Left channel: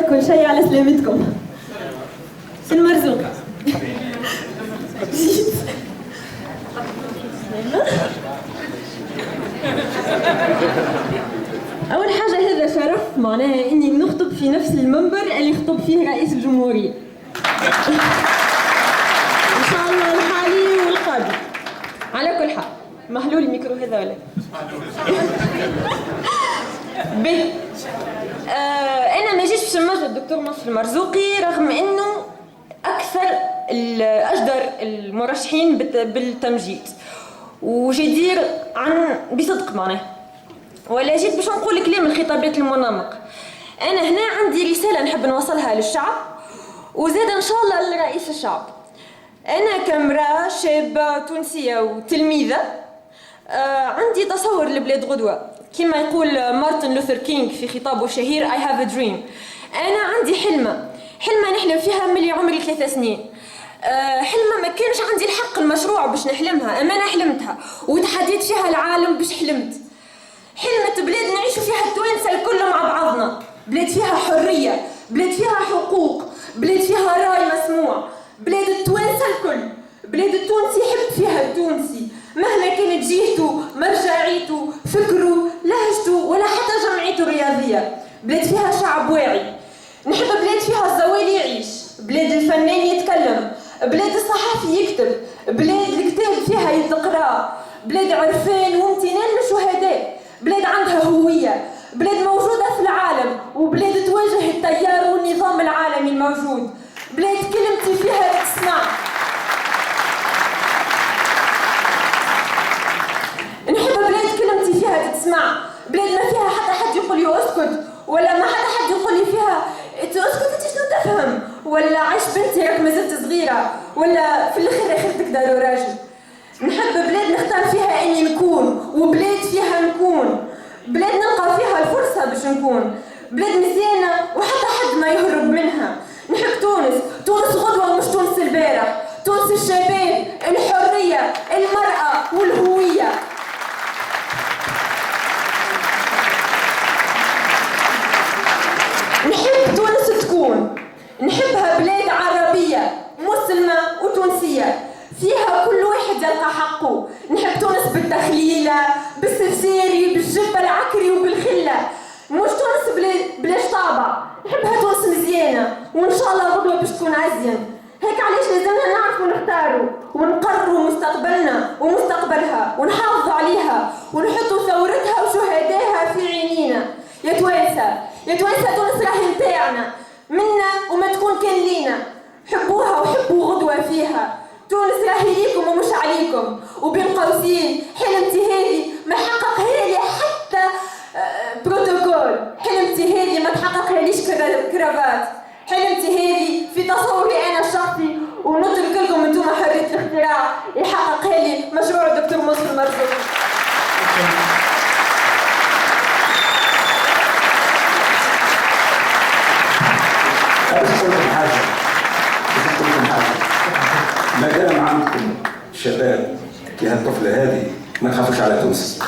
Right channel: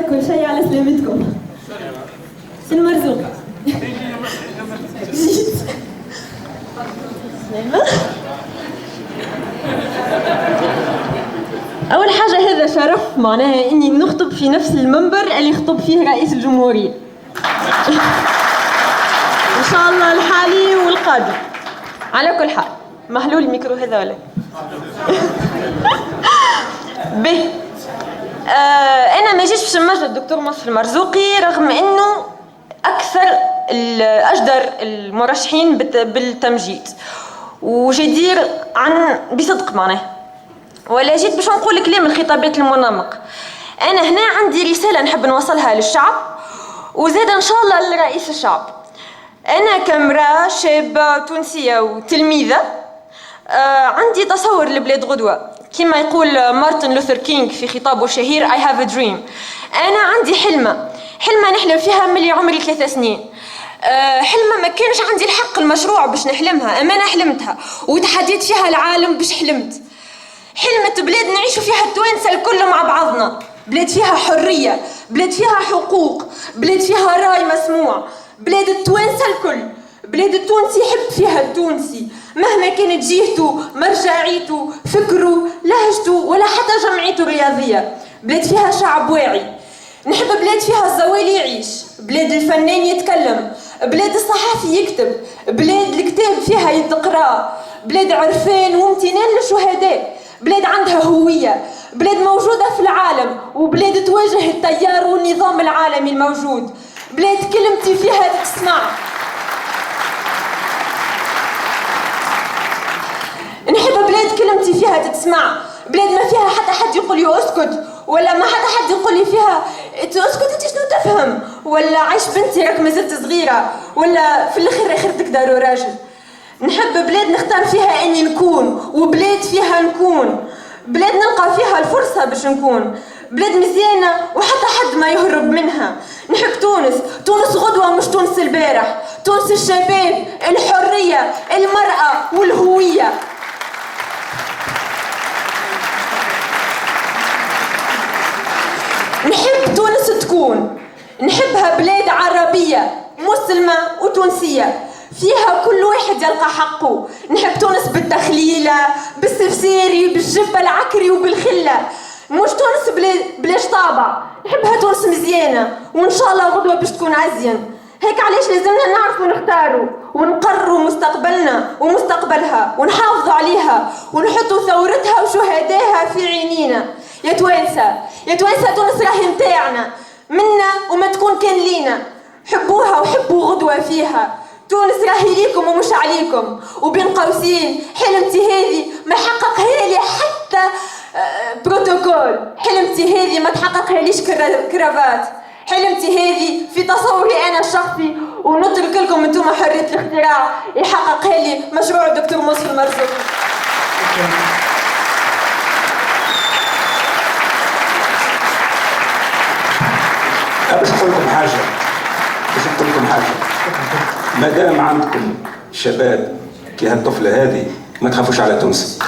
نعرف كل شيء على سلامتكم. سي المرزوق. أول حاجة هذا شرف معناها إني نخطب في نفس المنبر اللي خطب فيه رئيس الجمهورية. إن شاء الله الحالي والقادم. على كل حال محلول الميكرو هذا ولا؟ به أنا ما جيتش باش نمجد الدكتور مصطفى المرزوقي رغم إنه أكثر أجدر المرشحين بالتمجيد وجدير عن بصدق معناه، ولا جيت باش نقول كلام الخطابات المنمق. أنا هنا عندي رسالة نحب نوصلها للشعب وزاد إن شاء الله لرئيس الشعب. أنا كامرأة شابة تونسية وتلميذة عندي تصور لبلاد غدوة كما يقول مارتن لوثر كينغ في خطابه الشهير I have a dream. أنا عندي حلمة نحلم فيها ملي عمري 3 سنين. حلمة ما كانش عندي الحق المشروع باش نحلمها، أما أنا حلمتها وتحديت فيها العالم باش حلمت. حلمة بلاد نعيشوا فيها التوانسة الكل مع بعضنا، بلاد فيها حرية، بلاد فيها حقوق، بلاد فيها راي مسموع، بلاد التوانسة الكل، بلاد التونسي يحب فيها التونسي مهما كانت جهته، مرجعيته، فكره، لهجته ولا حتى جمعيته الرياضية. بلاد فيها شعب واعي. نحب بلاد فيها الزوالي يعيش، بلاد الفنان يتكلم، بلاد الصحفي يكتب، بلاد الكتاب فيها يتقرا، بلاد عرفان وامتنان للشهداء، بلاد عندها هوية، بلاد موجودة في العالم وبلاد تواجه التيار والنظام العالمي الموجود، بلاد كلمتي فيها تسمع. نحب بلاد كلمتي فيها تتسمع، بلاد ما فيها حتى حد يقول لي اسكت، ولا ما حتى حد يقول لي فيها اسكت انت شنو تفهم، ولا عيش بنتي راك مازلت صغيره، ولا في الاخر اخرتك دار راجل. نحب بلاد نختار فيها اني نكون، وبلاد فيها نكون، بلاد نلقى فيها الفرصه باش نكون، بلاد مزيانه وحتى حد ما يهرب منها. نحب تونس غدوه مش تونس البارح، تونس الشباب، الحريه، المراه والهويه. نحب تونس تكون، نحبها بلاد عربية مسلمة وتونسية فيها كل واحد يلقى حقه. نحب تونس بالتخليلة، بالسفسيري، بالجبة العكري وبالخلة، مش تونس بلاش طابع. نحبها تونس مزيانة وإن شاء الله غدوة باش تكون أزين. هيك علاش لازمنا نعرفوا نختاروا ونقرروا مستقبلنا ومستقبلها ونحافظوا عليها ونحطوا ثورتها وشهدائها في عينينا. يا توانسة تونس راهي متاعنا منا وما تكون كان لينا. حبوها وحبوا غدوة فيها. تونس راهي ليكم ومش عليكم. وبين قوسين حلمتي هذه ما حققها لي حتى بروتوكول. حلمتي هذه ما تحققها ليش كرافات. حلمتي هذه في تصوري أنا الشخصي ونترك لكم انتم حرية الاختراع يحققها لي مشروع الدكتور مصطفى المرزوقي. بس نقول لكم حاجة ما دام عندكم شباب كهالطفلة هذه ما تخافوش على تونس.